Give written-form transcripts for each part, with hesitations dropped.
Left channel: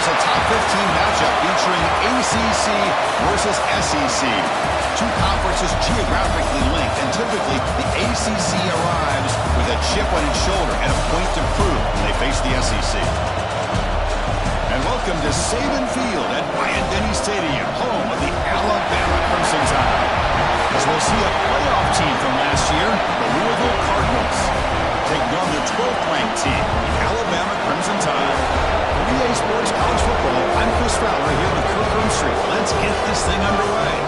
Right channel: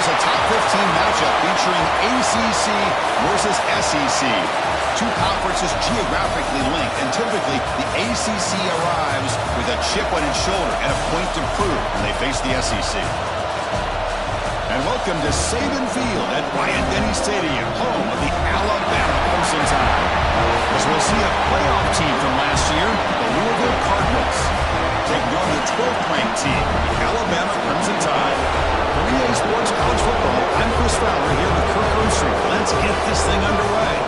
is a top 15 matchup featuring ACC versus SEC. Two conferences geographically linked, and typically the ACC arrives with a chip on its shoulder and a point to prove when they face the SEC. And welcome to Saban Field at Bryant-Denny Stadium, home of the Alabama Crimson Tide. As we'll see a playoff team from last year, the Louisville Cardinals, taking on the 12th-ranked team, the Alabama Crimson Tide. For EA Sports College Football, I'm Chris Fowler here with Kirk Herbstreit. Let's get this thing underway.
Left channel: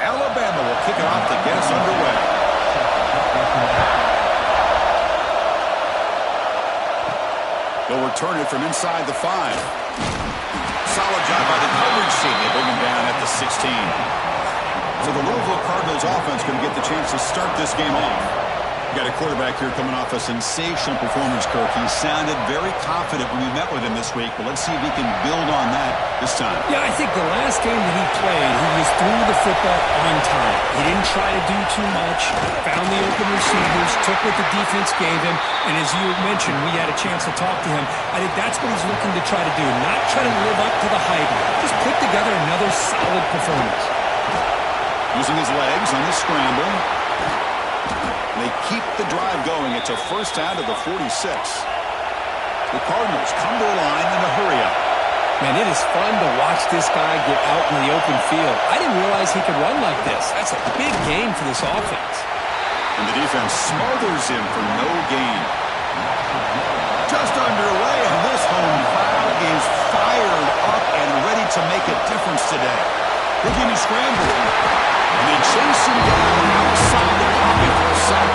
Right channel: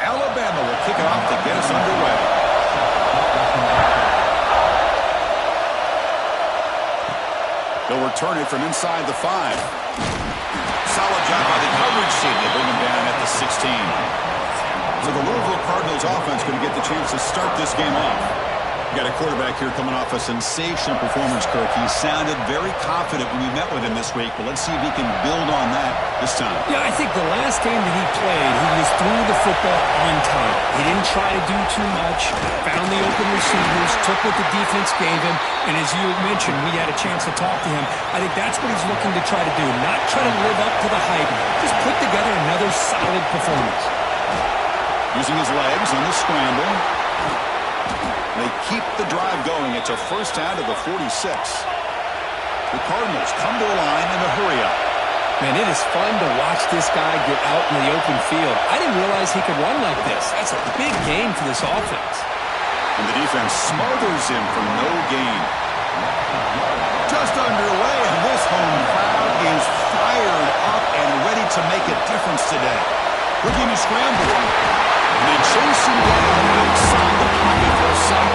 Alabama will kick it off to get us underway. They'll return it from inside the 5. Solid job by the coverage team. They bring him down at the 16. So the Louisville Cardinals offense going to get the chance to start this game off. Got a quarterback here coming off a sensational performance, Kirk. He sounded very confident when we met with him this week, but let's see if he can build on that this time. Yeah, I think the last game that he played, he just threw the football on time. He didn't try to do too much, found the open receivers, took what the defense gave him, and as you mentioned, we had a chance to talk to him. I think that's what he's looking to try to do, not try to live up to the hype, just put together another solid performance. Using his legs on the scramble. They keep the drive going. It's a first down to the 46. The Cardinals come to a line in a hurry up. Man, it is fun to watch this guy get out in the open field. I didn't realize he could run like this. That's a big gain for this offense. And the defense smothers him for no gain. Just underway, and this home crowd is fired up and ready to make a difference today. Looking to scramble. And they chase him down outside the pocket for a sack.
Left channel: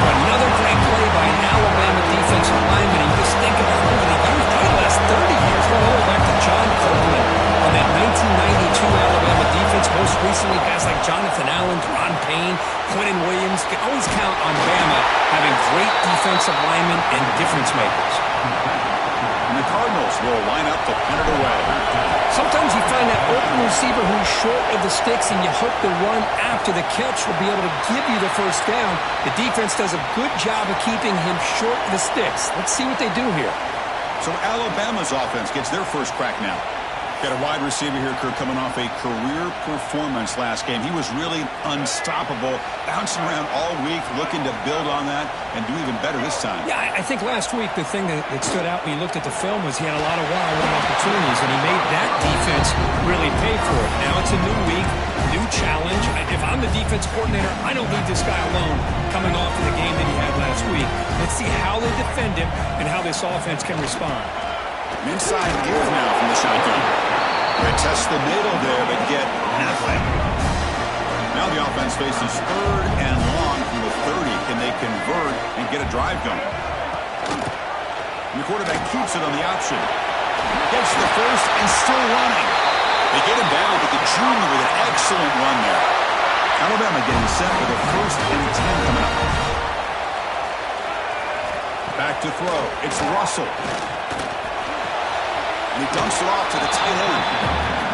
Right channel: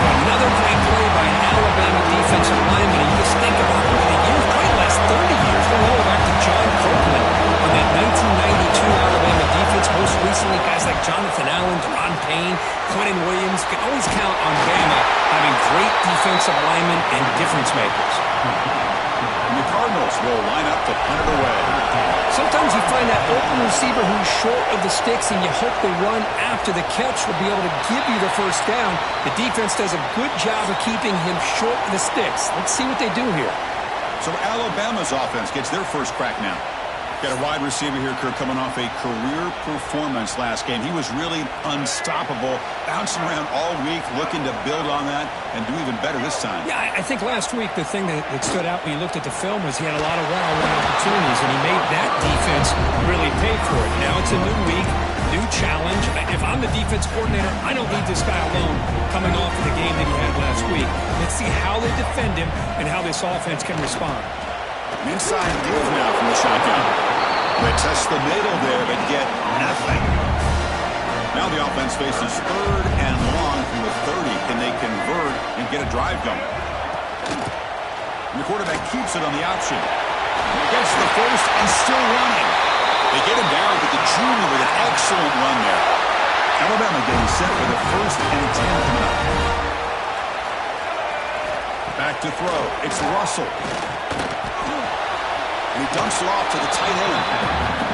Another great play by an Alabama defensive lineman. You just think about over the years, probably the last 30 years, going all the way back to John Copeland on that 1992 Alabama defense. Most recently, guys like Jonathan Allen, Deron Payne, Quentin Williams. Can always count on Bama having great defensive linemen and difference makers. And the Cardinals will line up to punt it away. Sometimes you find that open receiver who's short of the sticks, and you hope the run after the catch will be able to give you the first down. The defense does a good job of keeping him short of the sticks. Let's see what they do here. So Alabama's offense gets their first crack now. Got a wide receiver here, Kirk, coming off a career performance last game. He was really unstoppable, bouncing around all week, looking to build on that and do even better this time. Yeah, I think last week the thing that stood out when you looked at the film was he had a lot of one-on-one opportunities, and he made that defense really pay for it. Now it's a new week, new challenge. If I'm the defense coordinator, I don't leave this guy alone coming off of the game that he had last week. Let's see how they defend him and how this offense can respond. An inside give now from the shotgun. They test the middle there, but get nothing. Now the offense faces third and long from the 30. Can they convert and get a drive going? And the quarterback keeps it on the option. Gets the first and still running. They get him down to the junior with an excellent run there. Alabama getting set for the 1st and 10 coming up. Back to throw. It's Russell. And he dumps it off to the tight end.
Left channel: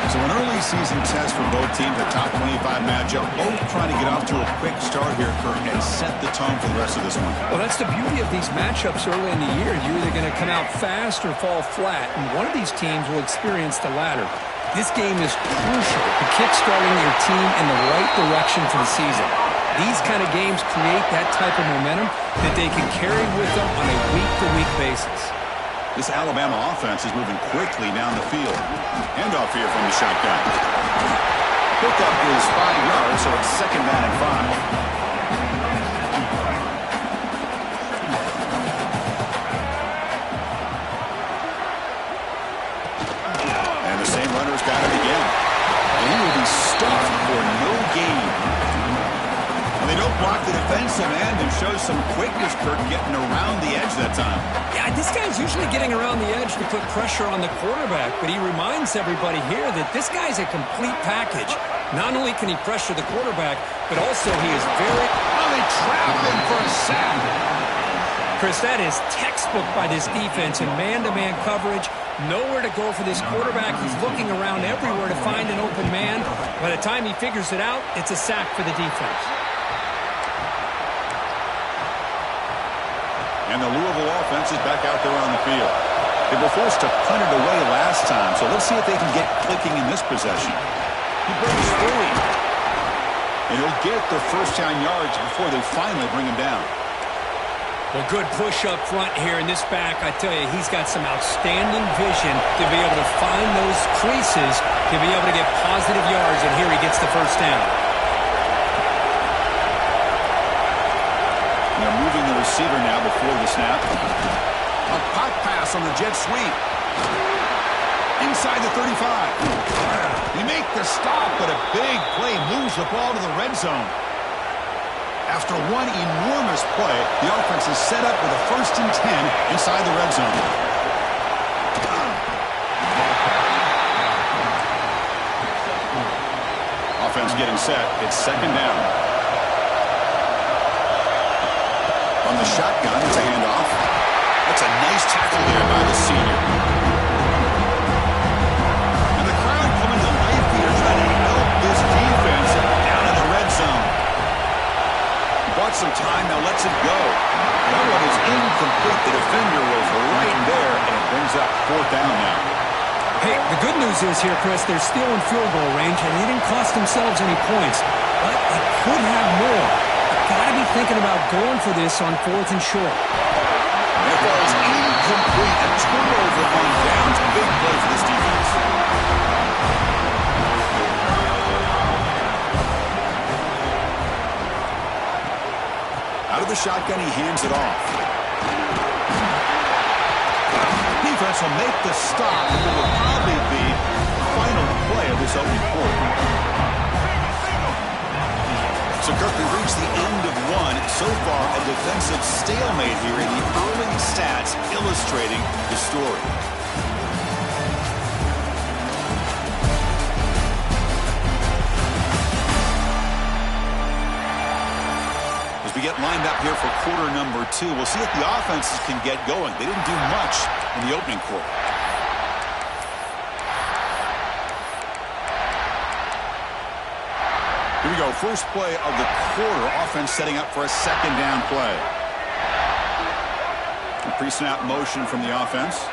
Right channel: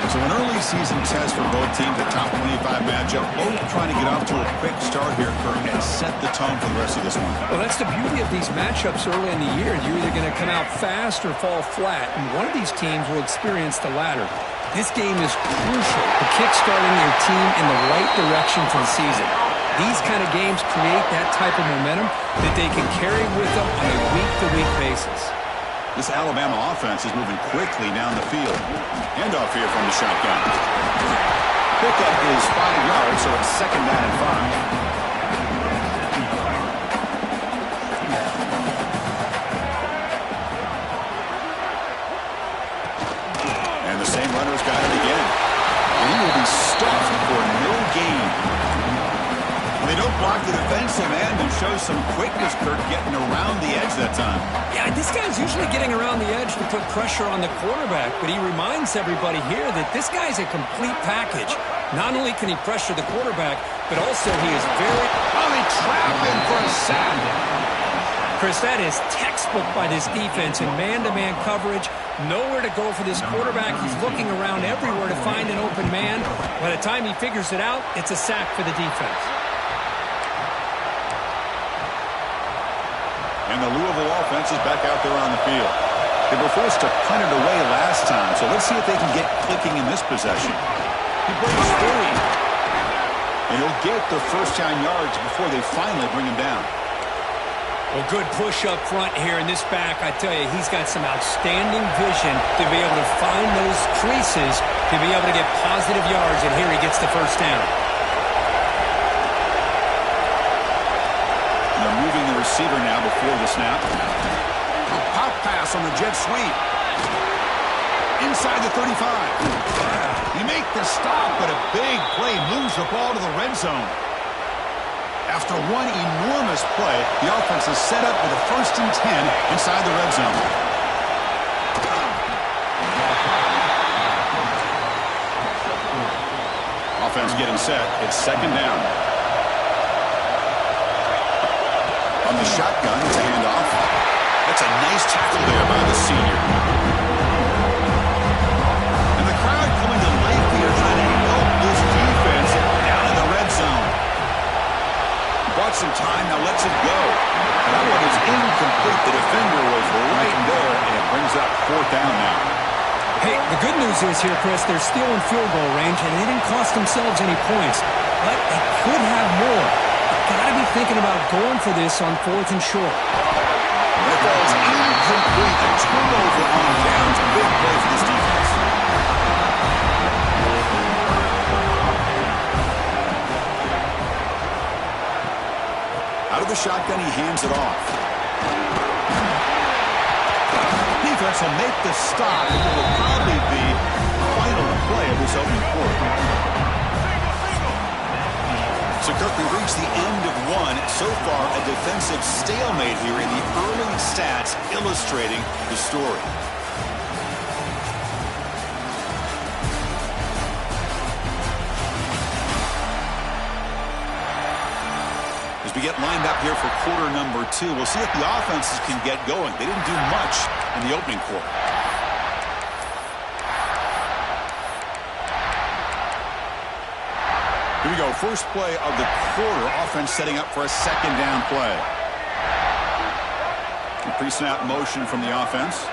So an early season test for both teams, a top 25 matchup. Both trying to get off to a quick start here, Kirk, and set the tone for the rest of this one. Well, that's the beauty of these matchups early in the year. You're either going to come out fast or fall flat, and one of these teams will experience the latter. This game is crucial to kick-starting your team in the right direction for the season. These kind of games create that type of momentum that they can carry with them on a week-to-week basis. This Alabama offense is moving quickly down the field. Handoff here from the shotgun. Pickup is 5 yards, so it's 2nd down and 5. And the same runner's got it again. And he will be stuffed for no gain. They don't block the defensive end and show some quickness, Kirk, getting around the edge that time. Yeah, this guy's usually getting around the edge to put pressure on the quarterback, but he reminds everybody here that this guy's a complete package. Not only can he pressure the quarterback, but also he is very... Oh, they trap him for a sack. Chris, that is textbook by this defense in man-to-man coverage. Nowhere to go for this quarterback. He's looking around everywhere to find an open man. By the time he figures it out, it's a sack for the defense. And the Louisville offense is back out there on the field. They were forced to punt it away last time, so let's see if they can get clicking in this possession. He breaks free. And he'll get the first down yards before they finally bring him down. Well, good push up front here in this back. I tell you, he's got some outstanding vision to be able to find those creases, to be able to get positive yards, and here he gets the first down. They're moving the receiver now before the snap. A pop pass on the jet sweep. Inside the 35. They make the stop, but a big play moves the ball to the red zone. After one enormous play, the offense is set up with a 1st and 10 inside the red zone. Offense getting set. It's 2nd down. On the shotgun, it's a handoff. That's a nice tackle there by the senior. And the crowd coming to life here, trying to help this defense down in the red zone. Bought some time, now lets it go. And that one is incomplete. The defender was right there, and it brings up 4th down now. Hey, the good news is here, Chris, they're still in field goal range, and they didn't cost themselves any points. But they could have more. They've got to be thinking about going for this on 4th and short. And it falls incomplete. A turnover on downs. A big play for this defense. Out of the shotgun, he hands it off. Defense will make the stop, and it will probably be the final play of this opening quarter. So, Kirk, we've reached the end of one. So far, a defensive stalemate here in the early stats illustrating the story. We get lined up here for quarter number 2. We'll see if the offenses can get going. They didn't do much in the opening quarter. Here we go. First play of the quarter. Offense setting up for a 2nd down play. Pre-snap motion from the offense.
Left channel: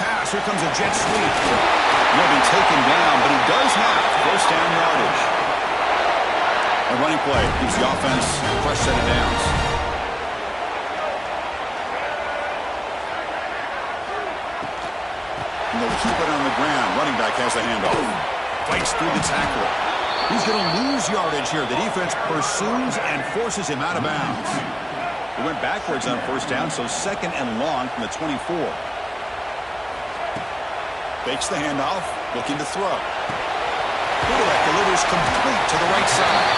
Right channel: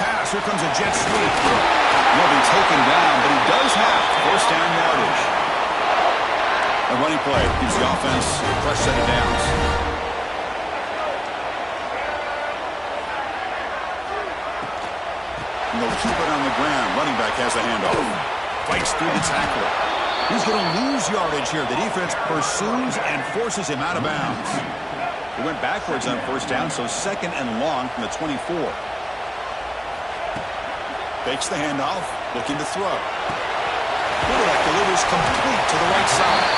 Pass. Here comes a jet sweep. He'll be taken down, but he does have 1st down yardage. A running play gives the offense a fresh set of downs. And they'll keep it on the ground. Running back has the handoff. Fights through the tackler. He's going to lose yardage here. The defense pursues and forces him out of bounds. He went backwards on 1st down, so 2nd and long from the 24. Fakes the handoff, looking to throw. Quarterback delivers complete to the right side.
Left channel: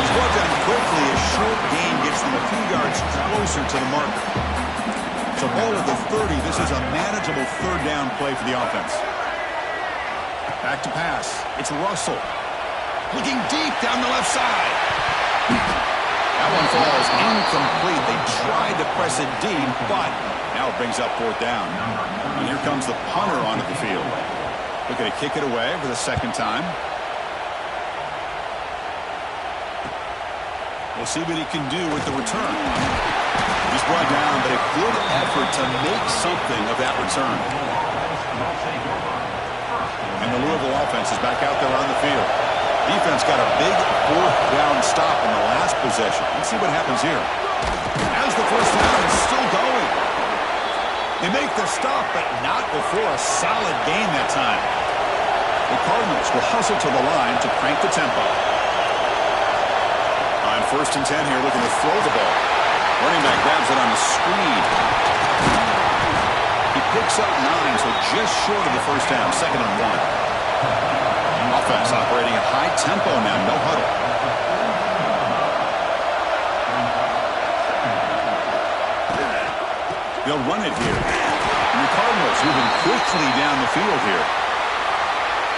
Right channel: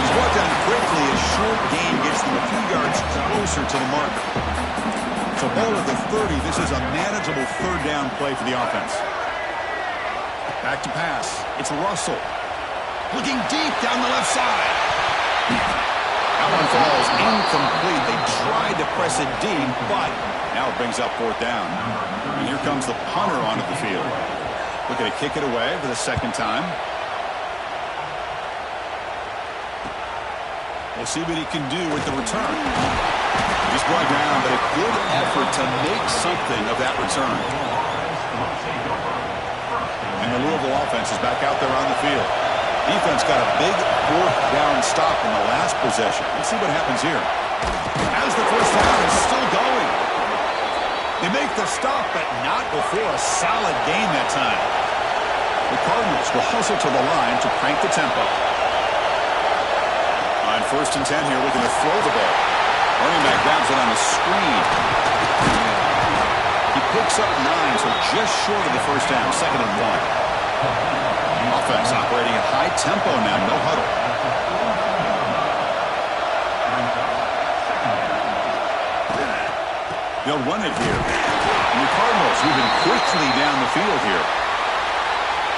He's brought down quickly. A short gain gets them a few yards closer to the marker. So ball at the 30. This is a manageable 3rd down play for the offense. Back to pass. It's Russell. Looking deep down the left side. That one falls incomplete. They tried to press it deep, but now it brings up 4th down. And here comes the punter onto the field. Looking to kick it away for the 2nd time. We'll see what he can do with the return. He's brought down, but a good effort to make something of that return. And the Louisville offense is back out there on the field. Defense got a big 4th down stop in the last possession. Let's see what happens here. As the 1st down is still going. They make the stop, but not before a solid gain that time. The Cardinals will hustle to the line to crank the tempo. On 1st and 10 here, looking to throw the ball. Running back grabs it on a screen. He picks up 9, so just short of the 1st down, 2nd and 1. Offense operating at high tempo now, no huddle. They'll run it here. And the Cardinals moving quickly down the field here.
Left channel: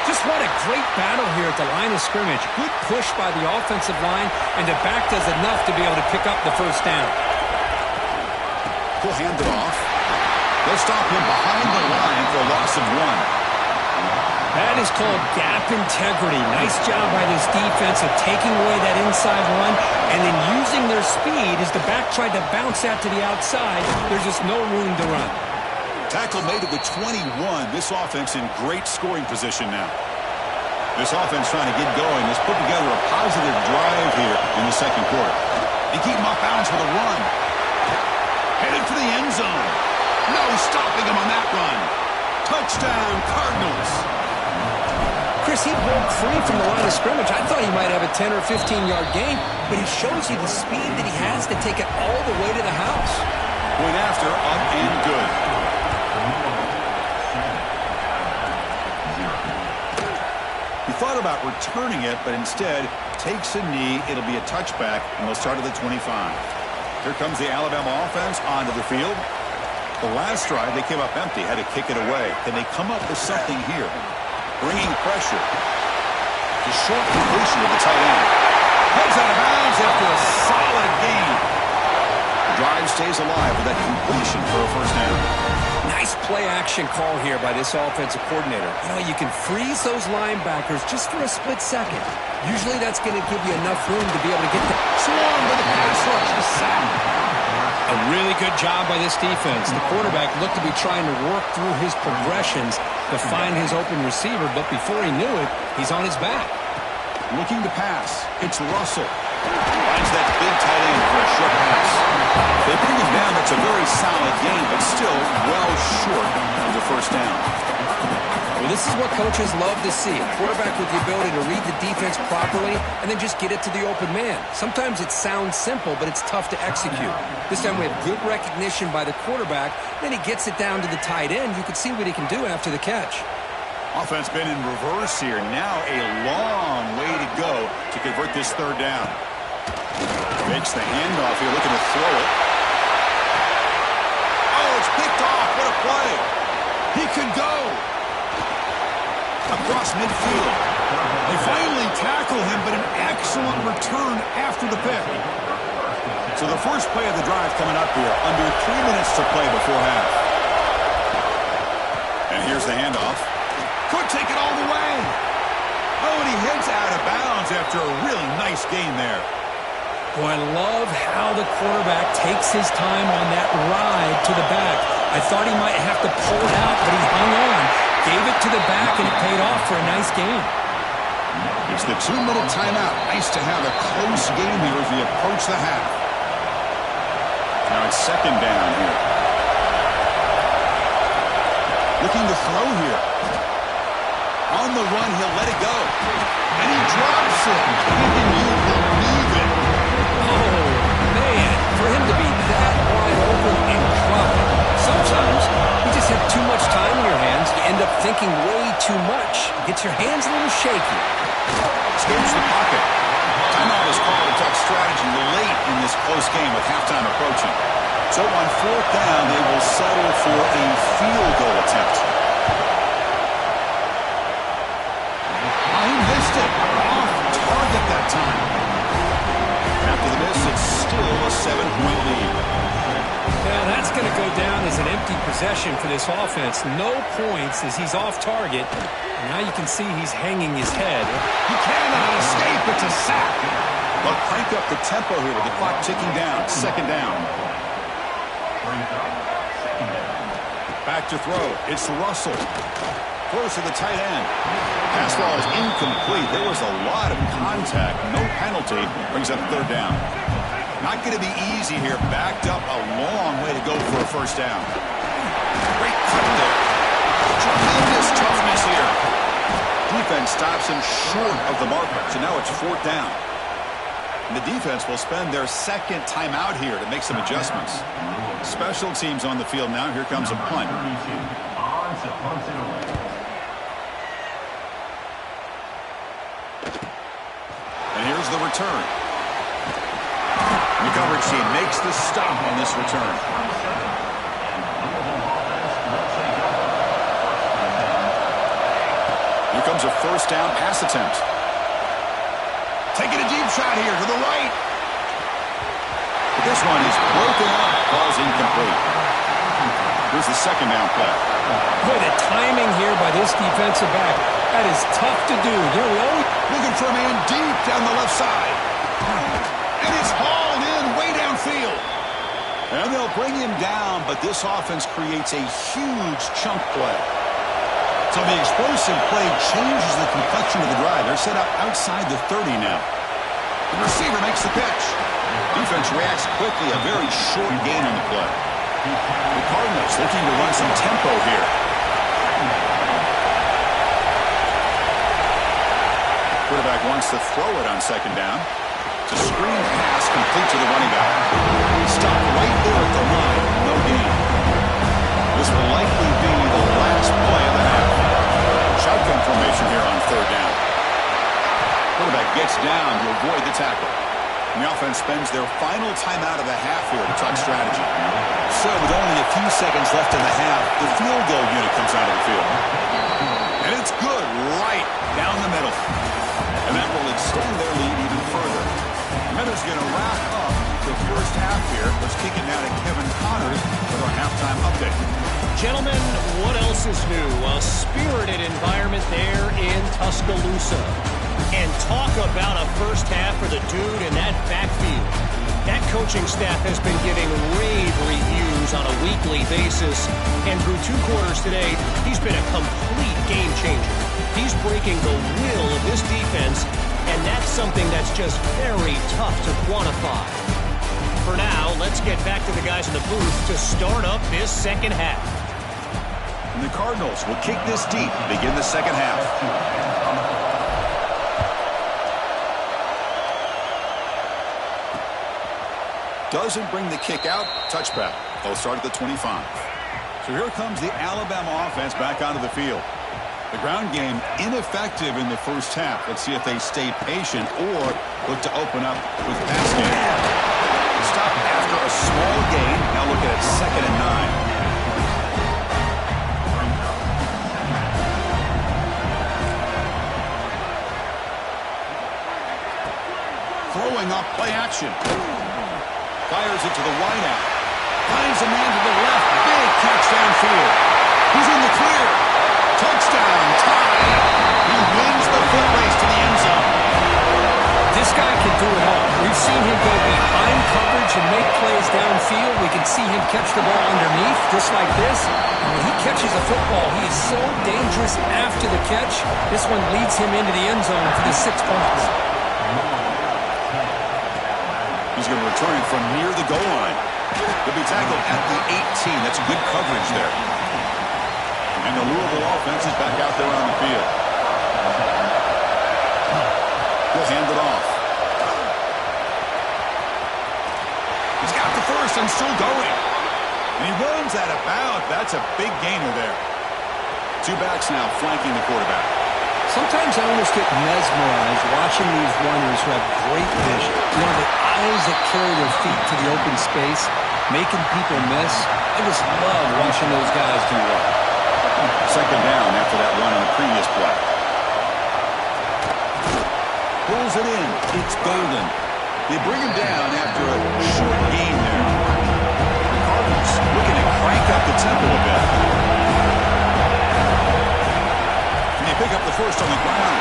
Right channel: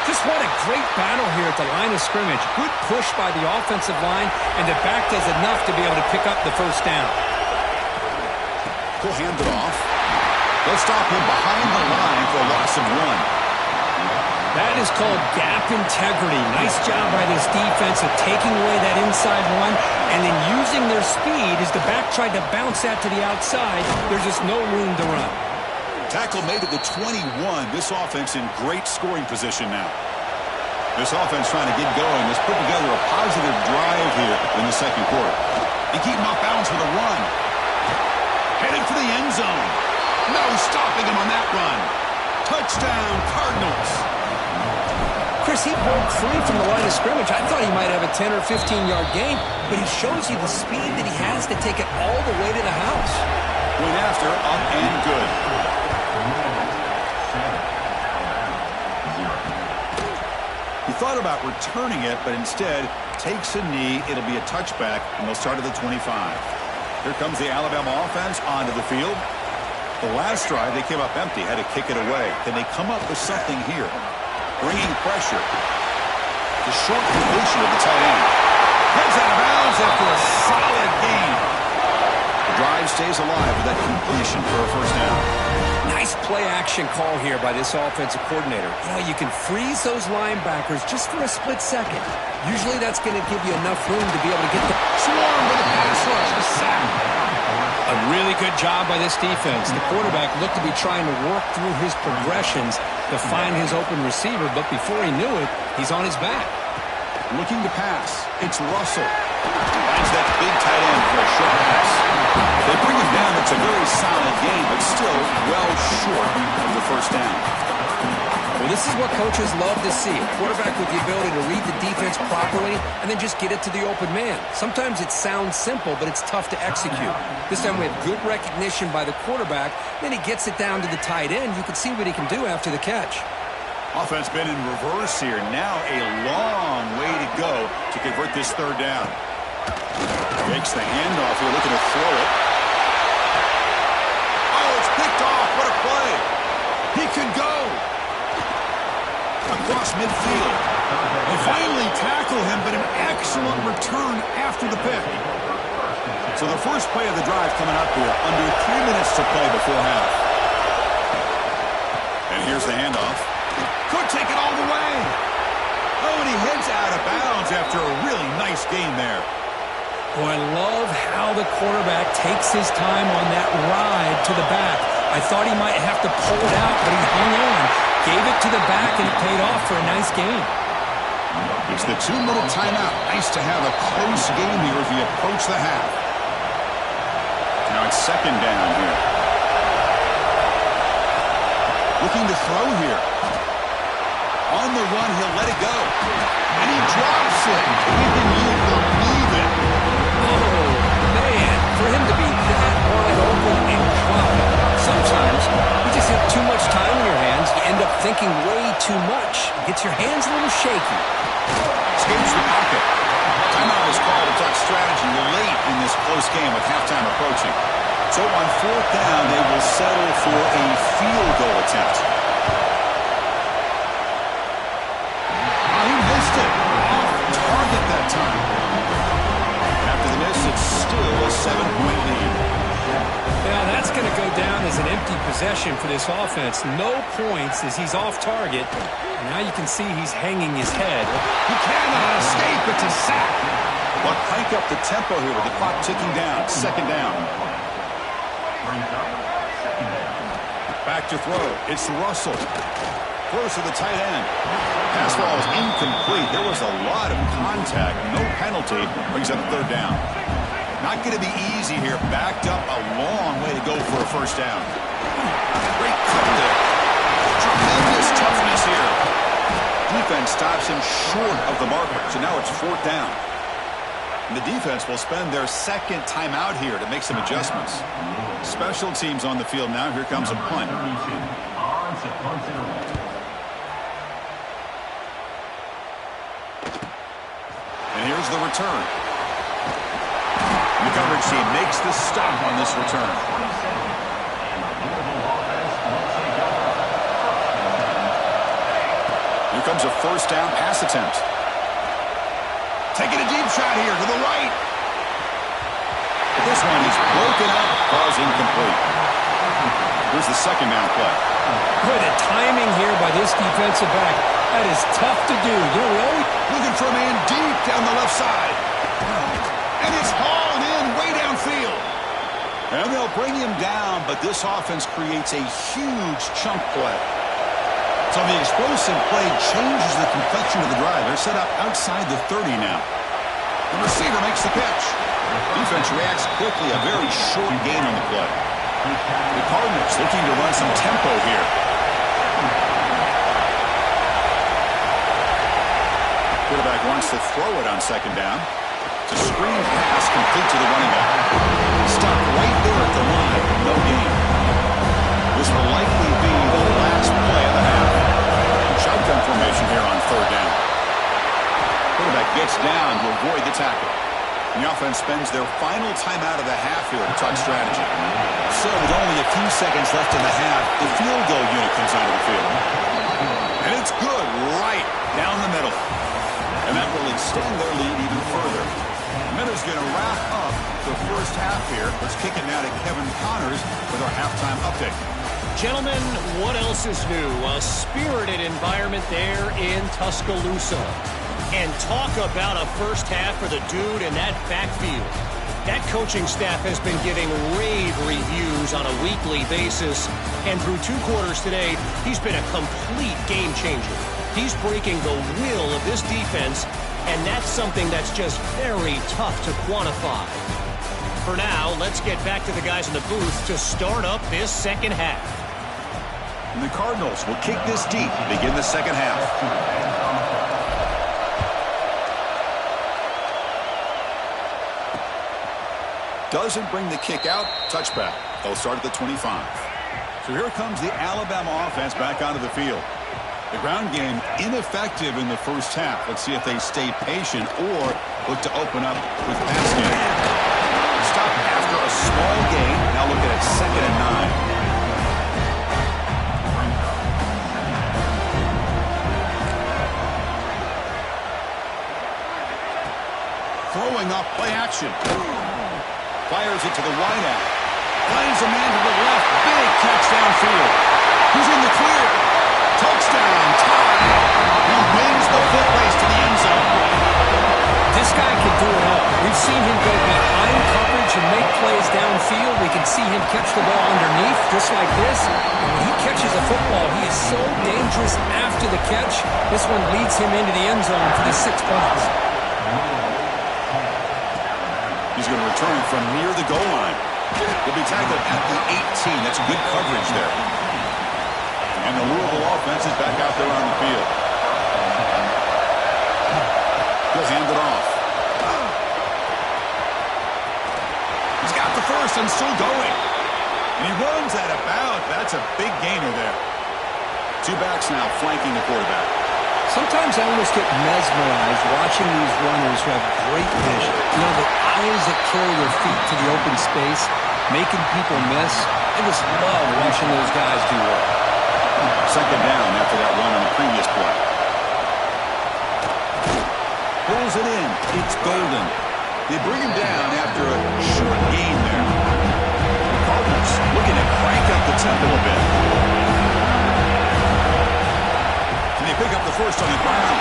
Just what a great battle here at the line of scrimmage. Good push by the offensive line, and the back does enough to be able to pick up the 1st down. He'll hand it off. They'll stop him behind the line for a loss of 1. That is called gap integrity. Nice job by this defense of taking away that inside run and then using their speed as the back tried to bounce that to the outside. There's just no room to run. Tackle made at the 21. This offense in great scoring position now. This offense trying to get going has put together a positive drive here in the second quarter. They keep him off balance with a run. Headed for the end zone. No stopping him on that run. Touchdown, Cardinals. Chris, he broke free from the line of scrimmage. I thought he might have a 10 or 15-yard gain, but he shows you the speed that he has to take it all the way to the house. Point after, up and good. He thought about returning it, but instead takes a knee. It'll be a touchback, and they'll start at the 25. Here comes the Alabama offense onto the field. The last drive, they came up empty, had to kick it away. Can they come up with something here? Bringing pressure. The short completion of the tight end. Heads out of bounds after a solid gain. The drive stays alive with that completion for a first down. Nice play-action call here by this offensive coordinator. You know, you can freeze those linebackers just for a split second. Usually that's going to give you enough room to be able to get the swarm with a pass rush, the sack. A really good job by this defense. The quarterback looked to be trying to work through his progressions to find his open receiver, but before he knew it, he's on his back. Looking to pass. It's Russell. Finds that big tight end for a short pass. They bring him down. It's a very solid game, but still well short of the first down. Well, this is what coaches love to see. A quarterback with the ability to read the defense properly and then just get it to the open man. Sometimes it sounds simple, but it's tough to execute. This time we have good recognition by the quarterback. Then he gets it down to the tight end. You can see what he can do after the catch. Offense been in reverse here. Now a long way to go to convert this third down. Makes the handoff here, looking to throw it. Oh, it's picked off. What a play. He could go. Across midfield. They finally tackle him, but an excellent return after the pick. So the first play of the drive coming up here, under 3 minutes to play before half. And here's the handoff. Could take it all the way. Oh, and he heads out of bounds after a really nice gain there. Boy, I love how the quarterback takes his time on that ride to the back. I thought he might have to pull it out, but he hung on. Gave it to the back, and it paid off for a nice gain. It's the 2-minute timeout. Nice to have a close game here as we approach the half. Now it's second down here. Looking to throw here. On the run, he'll let it go. And he drops it. Can you believe it? Oh, man. For him to be that wide open and drop it. Sometimes you just have too much time in your hands. You end up thinking way too much. Gets your hands a little shaky. Escapes the pocket. Timeout is called to talk strategy late in this close game with halftime approaching. So on fourth down, they will settle for a field goal attempt. Oh, he missed it. Off target that time. After the miss, it's still a 7-point lead. Yeah, that's going to go down as an empty possession for this offense. No points as he's off target. And now you can see he's hanging his head. He cannot escape. It's a sack. But crank up the tempo here with the clock ticking down. Second down. Back to throw. It's Russell. Throws to the tight end. Pass ball is incomplete. There was a lot of contact. No penalty. Brings up third down. Not going to be easy here. Backed up a long way to go for a first down. Great cut there. Tremendous toughness here. Defense stops him short of the marker. So now it's fourth down. And the defense will spend their second timeout here to make some adjustments. Special teams on the field now. Here comes a punt. And here's the return. The coverage team makes the stop on this return. Here comes a first down pass attempt. Taking a deep shot here to the right. But this one is broken up, falls incomplete. Here's the second down play. Boy, the timing here by this defensive back, that is tough to do. You know, we always looking for a man deep down the left side. And it's hauled in way downfield. And they'll bring him down, but this offense creates a huge chunk play. So the explosive play changes the complexion of the drive. They're set up outside the 30 now. The receiver makes the catch. Defense reacts quickly, a very short gain on the play. The Cardinals looking to run some tempo here. Quarterback wants to throw it on second down. It's a screen pass complete to the running back. Stopped right there at the line. No gain. This will likely be the last play of the half. Shotgun formation here on third down. Quarterback gets down to avoid the tackle. And the offense spends their final timeout of the half here to talk strategy. So with only a few seconds left in the half, the field goal unit comes out of the field. And it's good right down the middle. And that will extend their lead even further. Minutes going to wrap up the first half here. Let's kick it now to Kevin Connors with our halftime update. Gentlemen, what else is new? A spirited environment there in Tuscaloosa. And talk about a first half for the dude in that backfield. That coaching staff has been giving rave reviews on a weekly basis. And through 2 quarters today, he's been a complete game changer. He's breaking the will of this defense, and that's something that's just very tough to quantify. For now, let's get back to the guys in the booth to start up this second half. And the Cardinals will kick this deep to begin the second half. Doesn't bring the kick out. Touchback. They'll start at the 25. So here comes the Alabama offense back onto the field. The ground game ineffective in the first half. Let's see if they stay patient or look to open up with pass game. Stop after a small gain. Now looking at 2nd and 9. Throwing up play action. Fires it to the wideout. Finds a man to the left. Big catch downfield. Who's in the clear? Touchdown, tie. He wins the foot race to the end zone. This guy can do it all. We've seen him go behind coverage and make plays downfield. We can see him catch the ball underneath, just like this. And when he catches a football, he is so dangerous after the catch. This one leads him into the end zone for the 6 points. He's going to return it from near the goal line. He'll be tackled at the 18. That's good coverage there. And the Louisville offense is back out there on the field. He'll hand it off. He's got the first and still going. And he runs that about. That's a big gainer there. 2 backs now flanking the quarterback. Sometimes I almost get mesmerized watching these runners who have great vision. You know, the eyes that carry their feet to the open space, making people miss. I just love watching those guys do well. 2nd down after that run on the previous play. Pulls it in. It's golden. They bring him down after a short gain there. The Cardinals looking to crank up the tempo a bit. Can they pick up the first on the ground?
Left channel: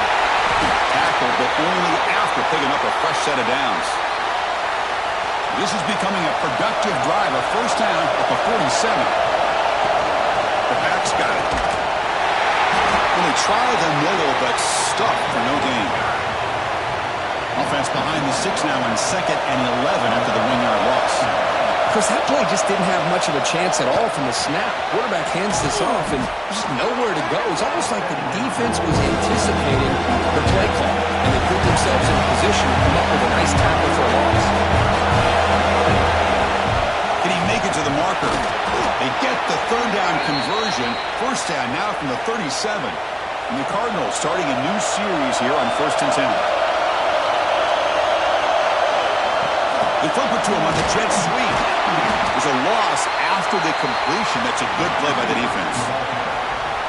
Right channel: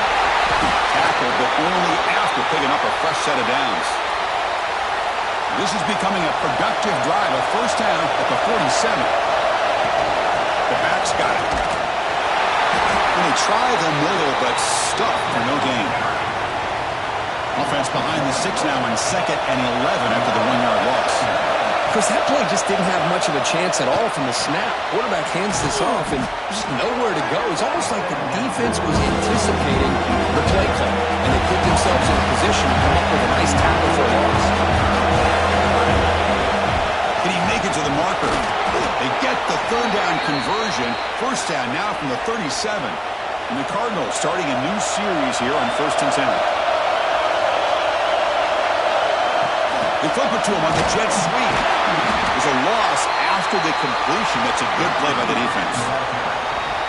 Tackle, but only after picking up a fresh set of downs. This is becoming a productive drive. A first down at the 47. The backs got it. And they try the middle, but stuck for no gain. Offense behind the 6 now in 2nd and 11 after the 1-yard loss. Chris, that play just didn't have much of a chance at all from the snap. Quarterback hands this off and just nowhere to go. It's almost like the defense was anticipating the play call, and they put themselves in a position to come up with a nice tackle for a loss. Can he make it to the marker? They get the 3rd down conversion. First down now from the 37. And the Cardinals starting a new series here on 1st and 10. They flip it to him on the jet sweep. There's a loss after the completion. That's a good play by the defense.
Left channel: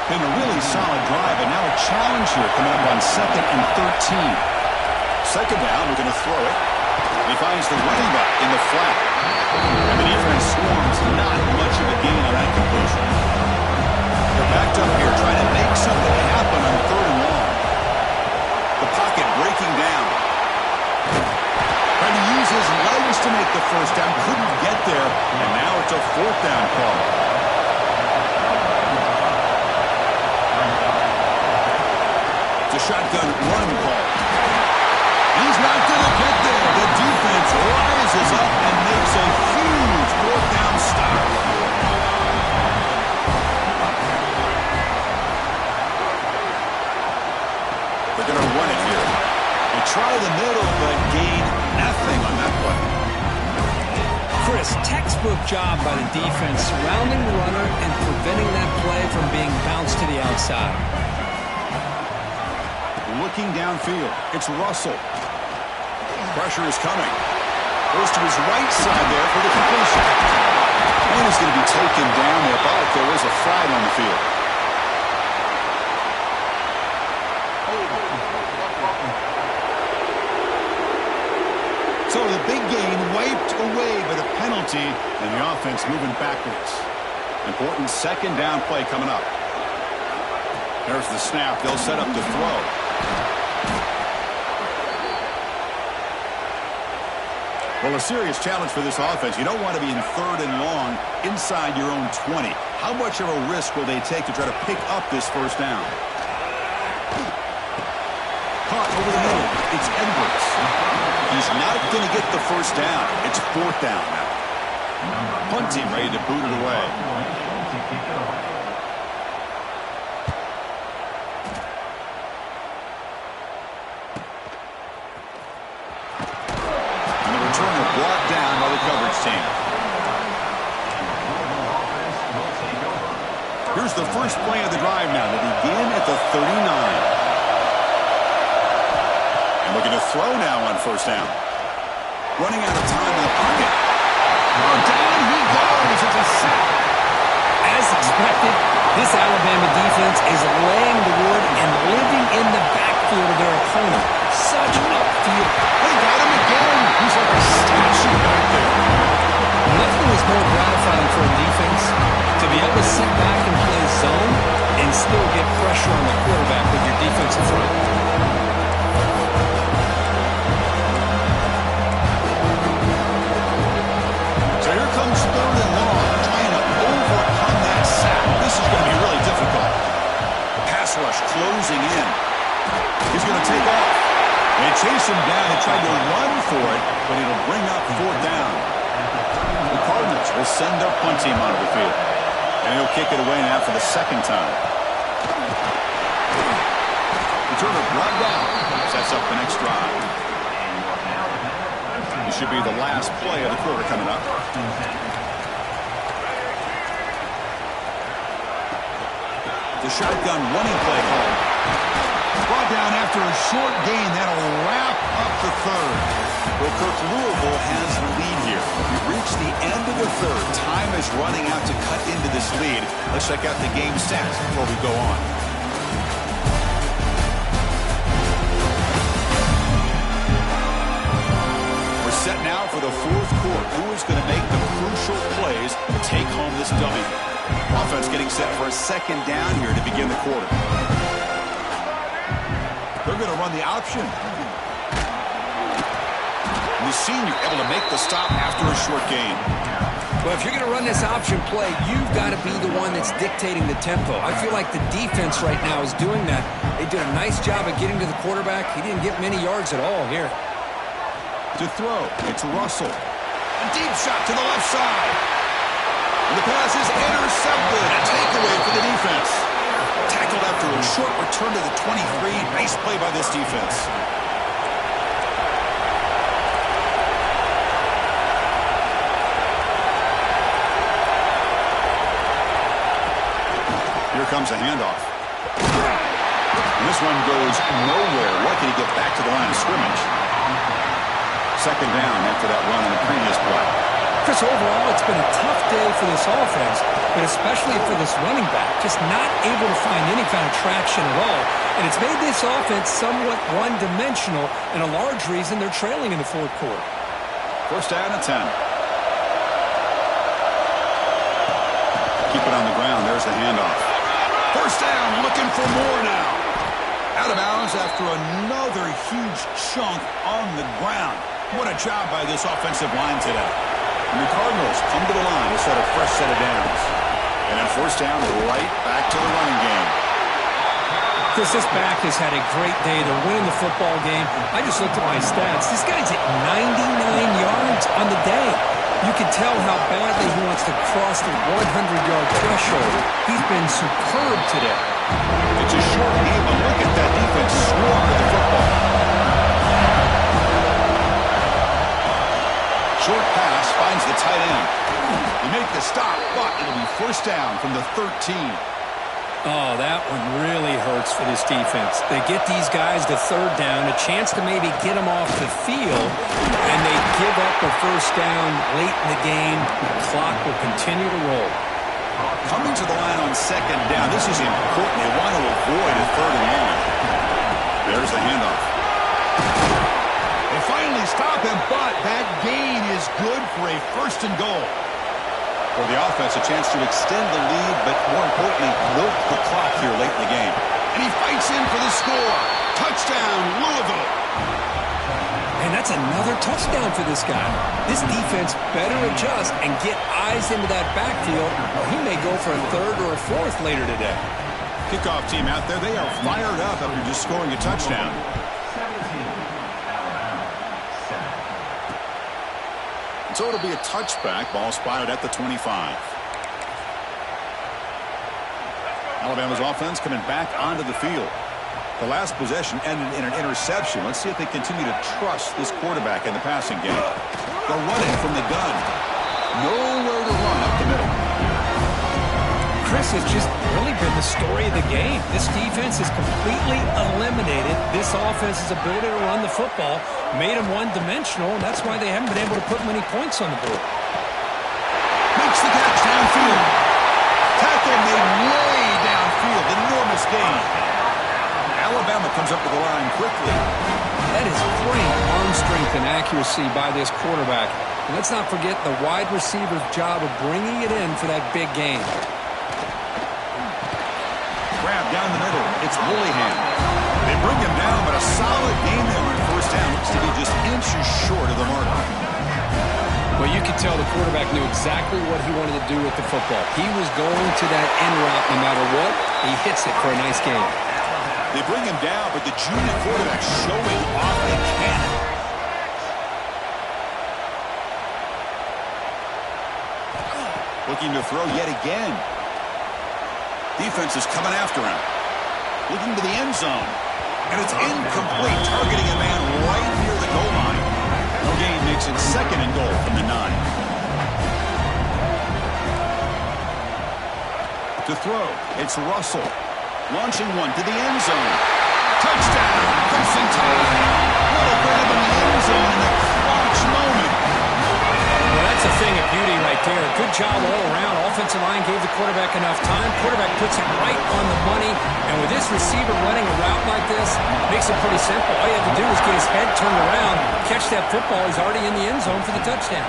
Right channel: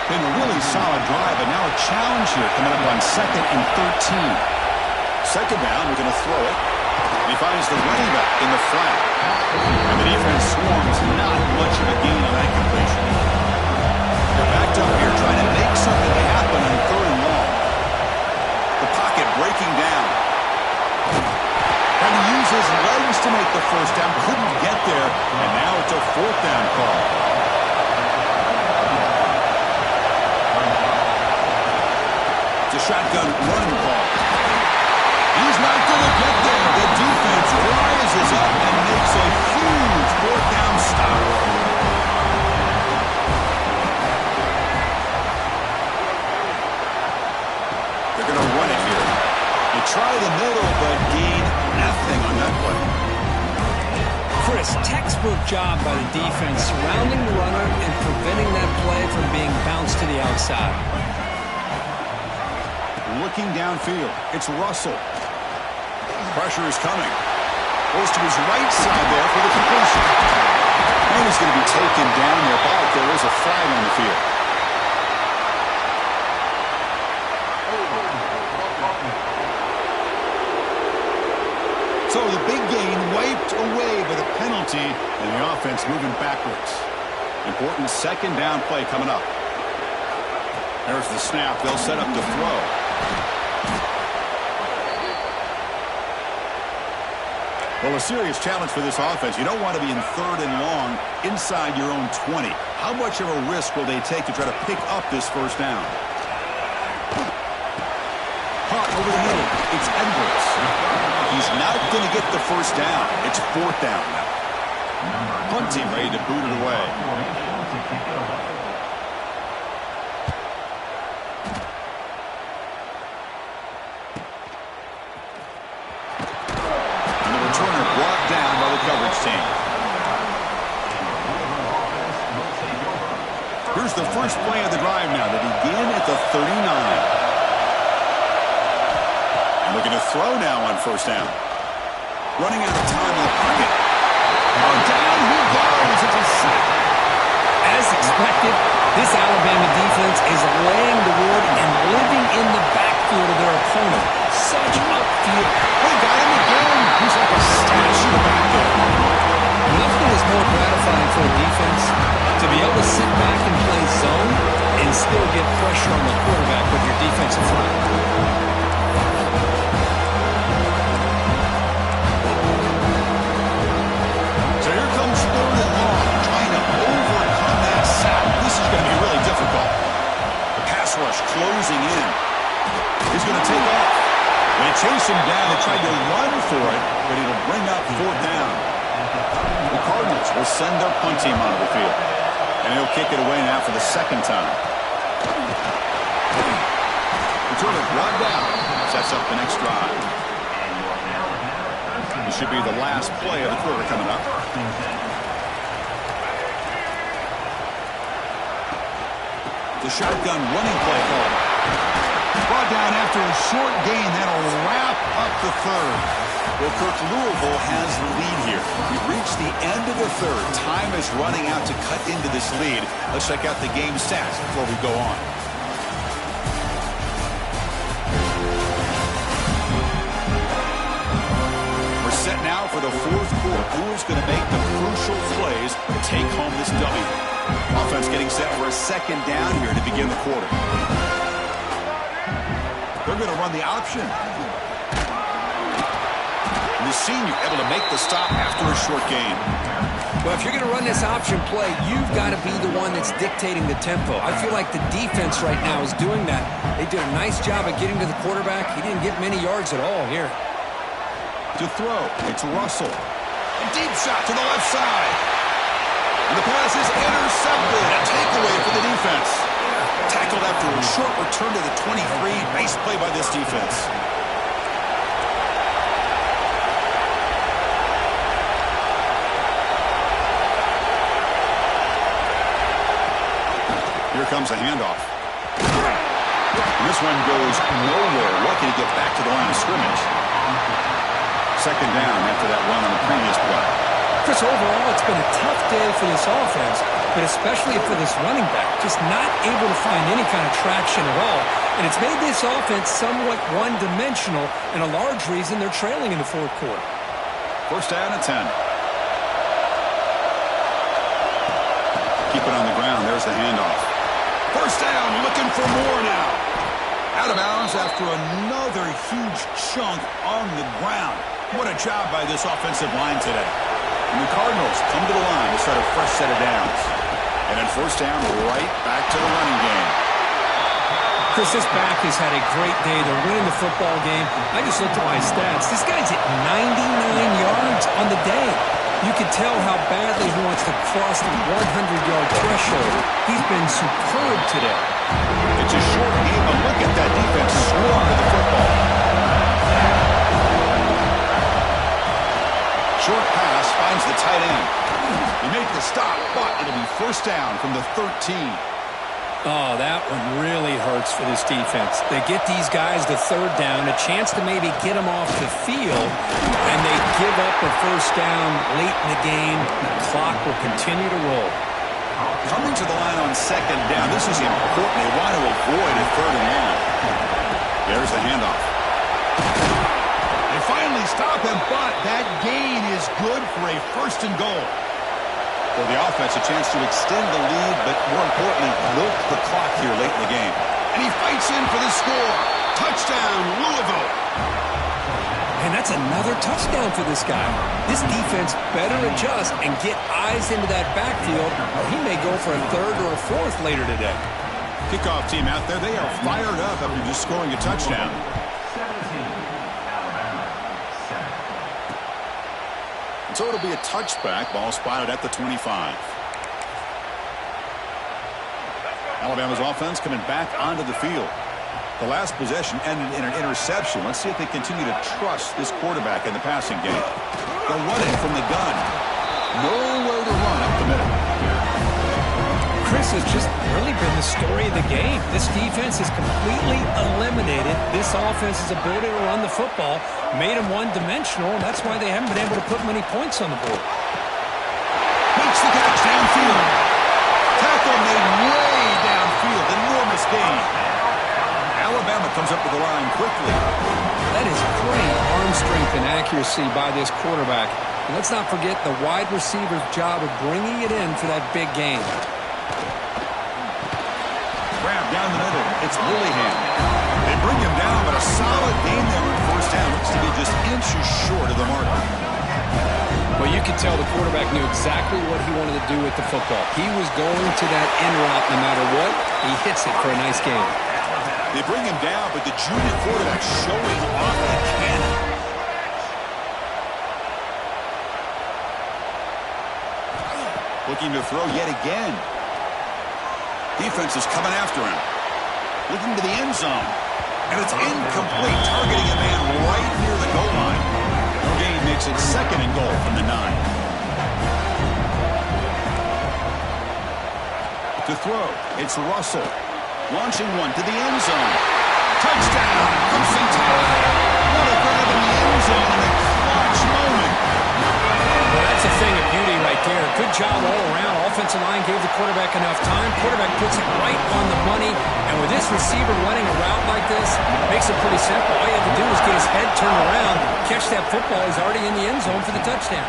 Been a really solid drive, and now a challenge here coming up on 2nd and 13. 2nd down, we're going to throw it. He finds the running back in the flat. And the defense swarms not much of a gain on that completion. They're backed up here trying to make something happen on 3rd and long. The pocket breaking down. Trying to use his legs to make the first down. Couldn't get there. And now it's a 4th down call. It's a shotgun run call. He's not going to get there. The defense rises up and makes a huge 4th down stop. They're going to run it here. They try the middle, but gain nothing on that play. Chris, textbook job by the defense, surrounding the runner and preventing that play from being bounced to the outside. Looking downfield, it's Russell. Pressure is coming. Goes to his right side there for the completion. And he's going to be taken down there, but there is a flag on the field. So the big gain wiped away by the penalty, and the offense moving backwards. Important 2nd down play coming up. There's the snap. They'll set up to throw. Well, a serious challenge for this offense. You don't want to be in 3rd and long inside your own 20. How much of a risk will they take to try to pick up this 1st down? Caught over the middle. It's Edwards. He's not going to get the 1st down. It's 4th down now. Punting ready to boot it away. Returner brought down by the coverage team. Here's the first play of the drive now. They begin at the 39. And looking to throw now on 1st down. Running out of time in the pocket. Oh, down he goes. It's a sack. As expected, this Alabama defense is laying the wood and living in the backfield of their opponent. Such upfield. They got him again. He's like a statue back there. Nothing is more gratifying for a defense to be able to sit back and play zone and still get pressure on the quarterback with your defensive front. So here comes 3rd and long, trying to overcome that sack. This is going to be really difficult. The pass rush closing in. He's going to take off. They chase him down. They tried to run for it, but it'll bring up 4th down. The Cardinals will send their punt team onto the field. And he'll kick it away now for the 2nd time. Returner brought down. Sets up the next drive. This should be the last play of the quarter coming up. The shotgun running play call. Brought down after a short gain. That'll wrap up the 3rd. Well, Kirk, Louisville has the lead here. We've reached the end of the 3rd. Time is running out to cut into this lead. Let's check out the game stats before we go on. We're set now for the 4th quarter. Who is going to make the crucial plays to take home this W? Offense getting set for a 2nd down here to begin the quarter. They're going to run the option. And the senior able to make the stop after a short gain. Well, if you're going to run this option play, you've got to be the one that's dictating the tempo. I feel like the defense right now is doing that. They did a nice job of getting to the quarterback. He didn't get many yards at all here. To throw, it's Russell. A deep shot to the left side. And the pass is intercepted. A takeaway for the defense. Tackled after a short return to the 23. Nice play by this defense. Here comes a handoff. And this one goes nowhere. Lucky to get back to the line of scrimmage. 2nd down after that run on the previous play. Chris, overall, it's been a tough day for this offense, but especially for this running back. Just not able to find any kind of traction at all. And it's made this offense somewhat one-dimensional, and a large reason they're trailing in the 4th quarter. First down and 10. Keep it on the ground. There's the handoff. First down, looking for more now. Out of bounds after another huge chunk on the ground. What a job by this offensive line today. And the Cardinals come to the line to start a fresh set of downs. And then first down, right back to the running game. Chris, this back has had a great day. They're winning the football game. I just looked at my stats. This guy's at 99 yards on the day. You can tell how badly he wants to cross the 100-yard threshold. He's been superb today. It's a short game, but look at that defense swarm to the football. Short pass finds the tight end. They make the stop, but it'll be first down from the 13. Oh, that one really hurts for this defense. They get these guys to third down, a chance to maybe get them off the field, and they give up a first down late in the game. The clock will continue to roll. Coming to the line on second down, this is important. They want to avoid a third and long. There's the handoff. They finally stop him, but that gain is good for a first and goal. For the offense, a chance to extend the lead, but more importantly, milk the clock here late in the game. And he fights in for the score. Touchdown, Louisville. And that's another touchdown for this guy. This defense better adjust and get eyes into that backfield, or he may go for a third or a fourth later today. Kickoff team out there, they are fired up after just scoring a touchdown. So it'll be a touchback. Ball spotted at the 25. Alabama's offense coming back onto the field. The last possession ended in an interception. Let's see if they continue to trust this quarterback in the passing game. They're running from the gun. Nowhere to run up the middle. Chris has just really been the story of the game. This defense has completely eliminated this offense's ability to run the football, made them one-dimensional, and that's why they haven't been able to put many points on the board. Makes the catch downfield. Tackle made way downfield. Enormous gain. Alabama comes up to the line quickly. That is great arm strength and accuracy by this quarterback. And let's not forget the wide receiver's job of bringing it in for that big game. Grab down the middle. It's Willingham. They bring him down, but a solid gain there on first down. Looks to be just inches short of the mark. Well, you could tell the quarterback knew exactly what he wanted to do with the football. He was going to that end route no matter what. He hits it for a nice gain. They bring him down, but the junior quarterback showing off the cannon. Looking to throw yet again. Defense is coming after him. Looking to the end zone. And it's incomplete, targeting a man right near the goal line. No gain makes it second and goal from the 9. To throw, it's Russell. Launching one to the end zone. Touchdown, Crimson Tide. What a grab in the end zone in a clutch moment. Well, that's a thing of beauty right there. Good job all around. Offensive line gave the quarterback enough time. Quarterback puts it right on the money. And with this receiver running a route like this, makes it pretty simple. All you have to do is get his head turned around, catch that football. He's already in the end zone for the touchdown.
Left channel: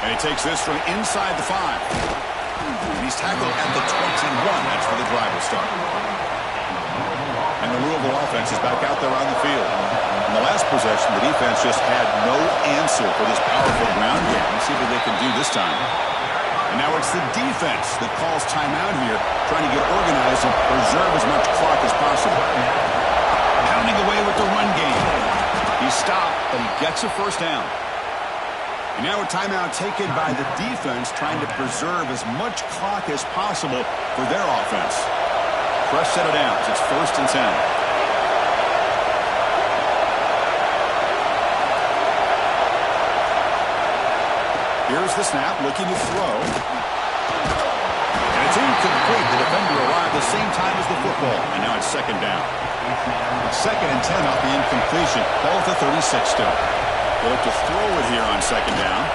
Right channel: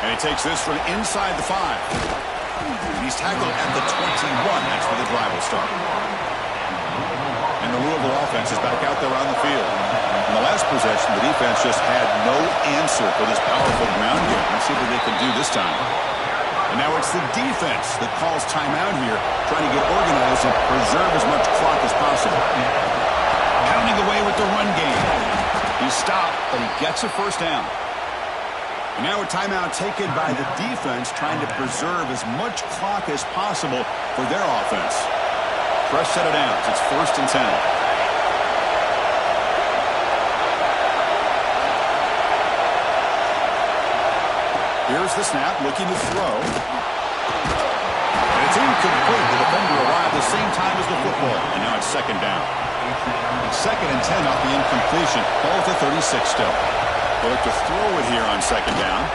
And he takes this from inside the 5. And he's tackled at the 21. That's where the drive will start. And the Louisville offense is back out there on the field. In the last possession, the defense just had no answer for this powerful ground game. Let's see what they can do this time. And now it's the defense that calls timeout here, trying to get organized and preserve as much clock as possible. Pounding away with the run game. He stopped, but he gets a first down. And now a timeout taken by the defense, trying to preserve as much clock as possible for their offense. Fresh set of downs. It's first and 10. Here's the snap, looking to throw. And it's incomplete. The defender arrived the same time as the football. And now it's second down. Second and 10 off the incompletion. Ball at the 36 still. They'll look to throw it here on second down.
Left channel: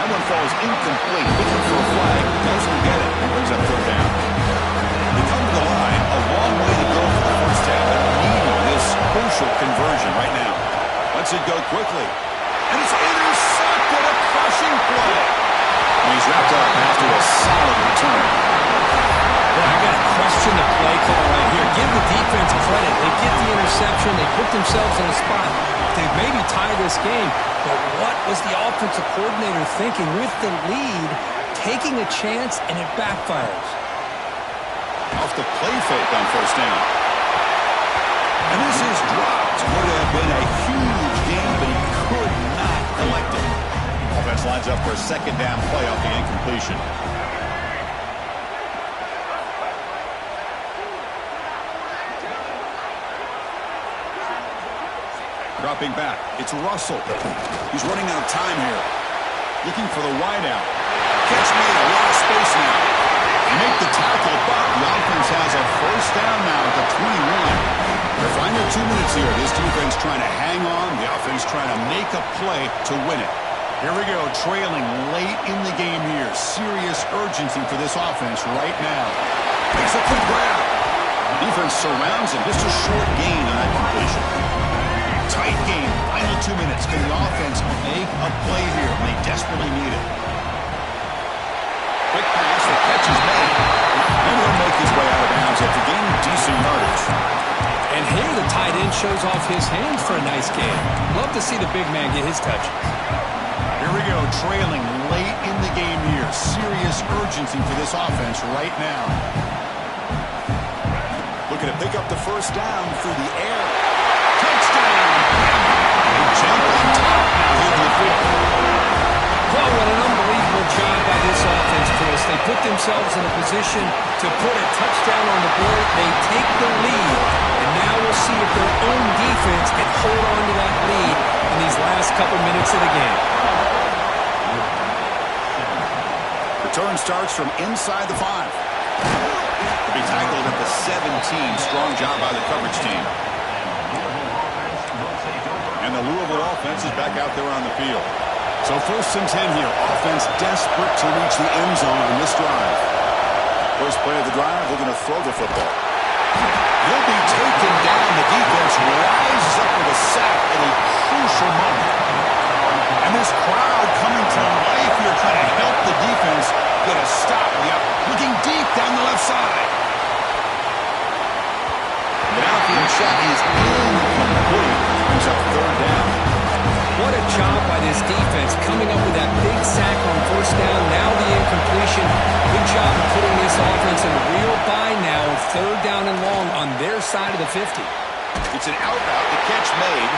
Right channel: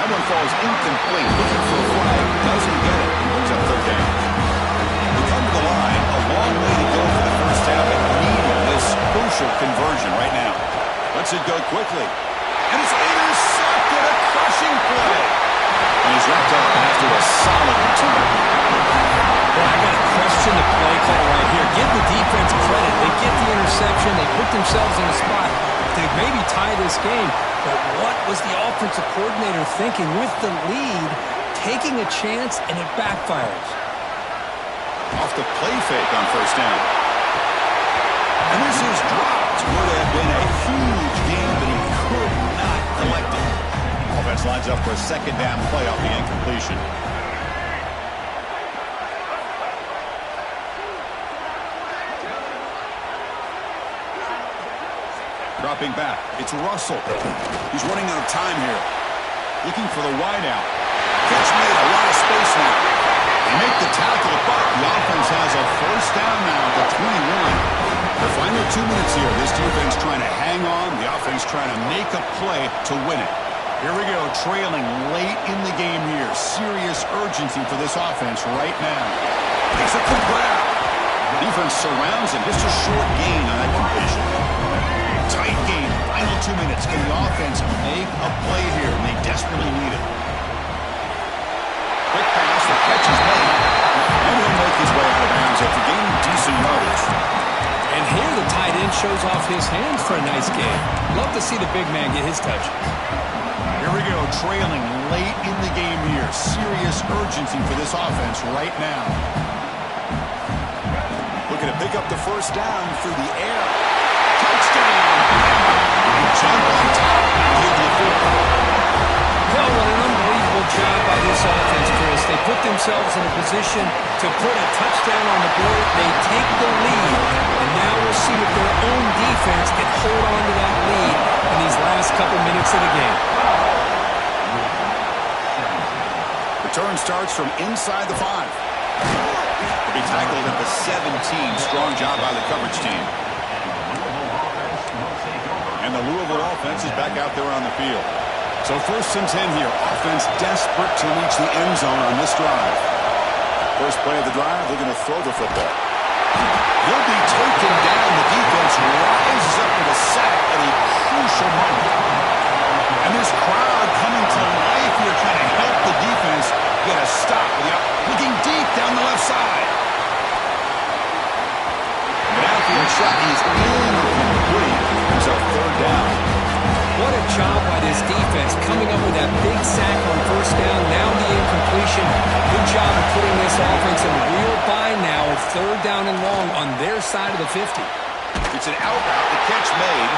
That one falls incomplete. Looking for a flag. Doesn't get it. Brings up third down. They come to the line. A long way to go for the first half, but needing this crucial conversion right now. Lets it go quickly. And it's intercepted. crushing play. And he's wrapped up after a solid return. Boy, I got to question the play call right here. Give the defense credit. They get the interception. They put themselves in a spot to maybe tie this game. But what was the offensive coordinator thinking with the lead, taking a chance, and it backfires? Off the play fake on first down. And this is dropped. Would have been a huge game, but he could not collect it. Offense lines up for a second down play off the incompletion. Dropping back. It's Russell. He's running out of time here. Looking for the wideout. Catch made, a lot of space now. They make the tackle, but the offense has a first down now at the 21. They're final 2 minutes here. This defense trying to hang on. The offense trying to make a play to win it. Here we go, trailing late in the game here. Serious urgency for this offense right now. Makes a quick grab. Defense surrounds him. Just a short gain on that completion. Tight game. Final 2 minutes. Can the offense make a play here? And they desperately need it. Quick pass. The catch is made. And he'll make his way out of bounds after gaining decent yardage. And here the tight end shows off his hands for a nice game. Love to see the big man get his touches. Here we go, trailing late in the game here. Serious urgency for this offense right now. Looking to pick up the first down through the air. Touchdown! They jump on top now here to the football. Well, what an unbelievable job by this offense, Chris. They put themselves in a position to put a touchdown on the board. They take the lead, and now we'll see if their own defense can hold on to that lead in these last couple minutes of the game. Return starts from inside the 5. To be tackled at the 17. Strong job by the coverage team. And the Louisville offense is back out there on the field. So 1st and 10 here. Offense desperate to reach the end zone on this drive. First play of the drive, looking to throw the football. He'll be taken down. The defense rises up with a sack at a crucial moment. And this crowd coming to life here trying to help the defense get a stop. Looking deep down the left side. An outfield shot is incomplete. Brings up 3rd down. What a job by this defense coming up with that big sack on first down. Now the incompletion. Good job of putting this offense in a real bind now with 3rd down and long on their side of the 50. It's an out route. The catch made.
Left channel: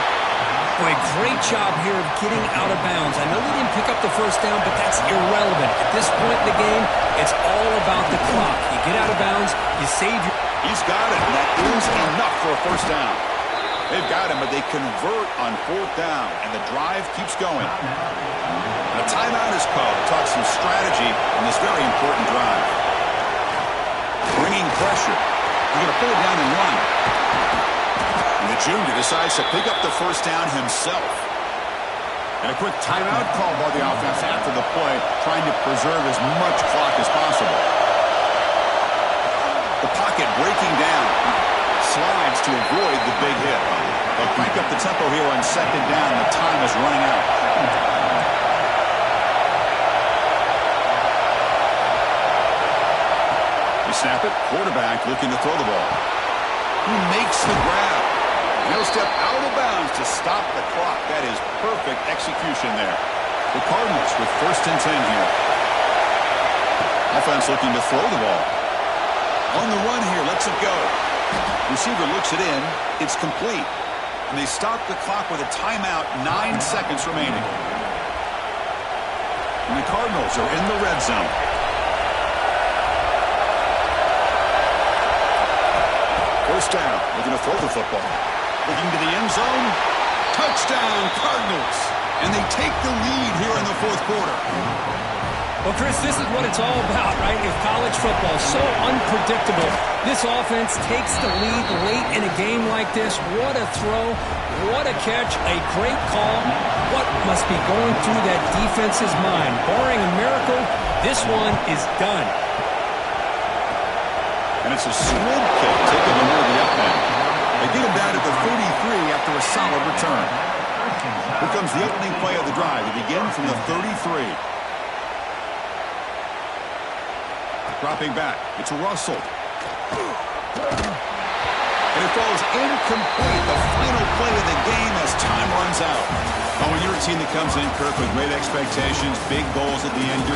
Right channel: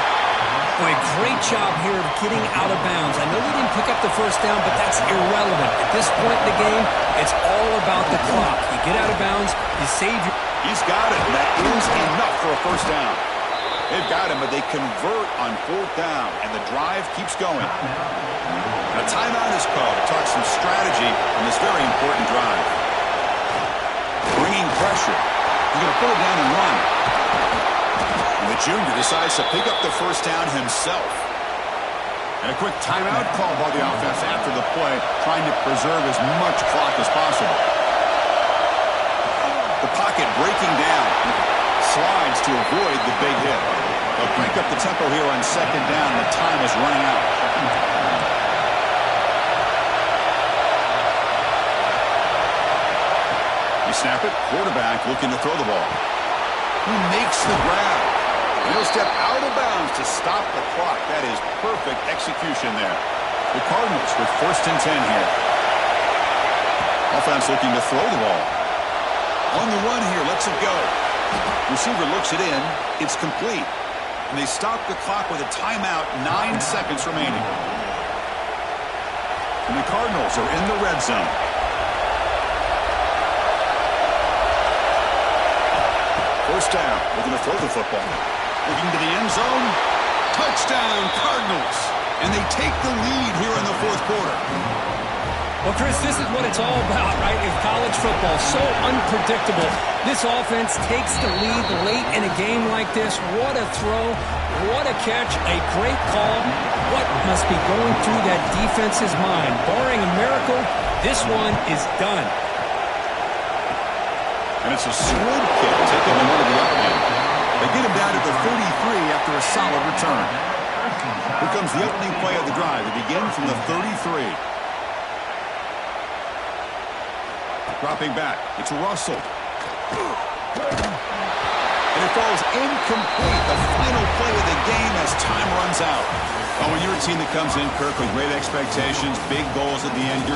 Boy, great job here of getting out of bounds. I know they didn't pick up the first down, but that's irrelevant. At this point in the game, it's all about the clock. You get out of bounds, you save your... He's got it, and that is enough for a first down. They've got him, but they convert on 4th down, and the drive keeps going. And a timeout is called to talk some strategy in this very important drive. Bringing pressure. He's going to pull it down and run. And the junior decides to pick up the first down himself. And a quick timeout call by the offense after the play, trying to preserve as much clock as possible. The pocket breaking down. Slides to avoid the big hit. They'll crank up the tempo here on 2nd down. The time is running out. You snap it. Quarterback looking to throw the ball. He makes the grab. And he'll step out of bounds to stop the clock. That is perfect execution there. The Cardinals with 1st and 10 here. Offense looking to throw the ball. On the run here. Lets it go. Receiver looks it in. It's complete. And they stop the clock with a timeout. 9 seconds remaining. And the Cardinals are in the red zone. First down. Looking to throw the football. Looking to the end zone. Touchdown, Cardinals. And they take the lead here in the 4th quarter. Well, Chris, this is what it's all about, right? If college football so unpredictable, this offense takes the lead late in a game like this. What a throw. What a catch. A great call. What must be going through that defense's mind? Barring a miracle, this one is done. And it's a swing kick taken to one of the up men. They get him down at the 33 after a solid return. Here comes the opening play of the drive. It begins from the 33. Dropping back. It's Russell. And it falls incomplete. The final play of the game as time runs out. When you're a team that comes in, Kirk, with great expectations, big goals at the end, you're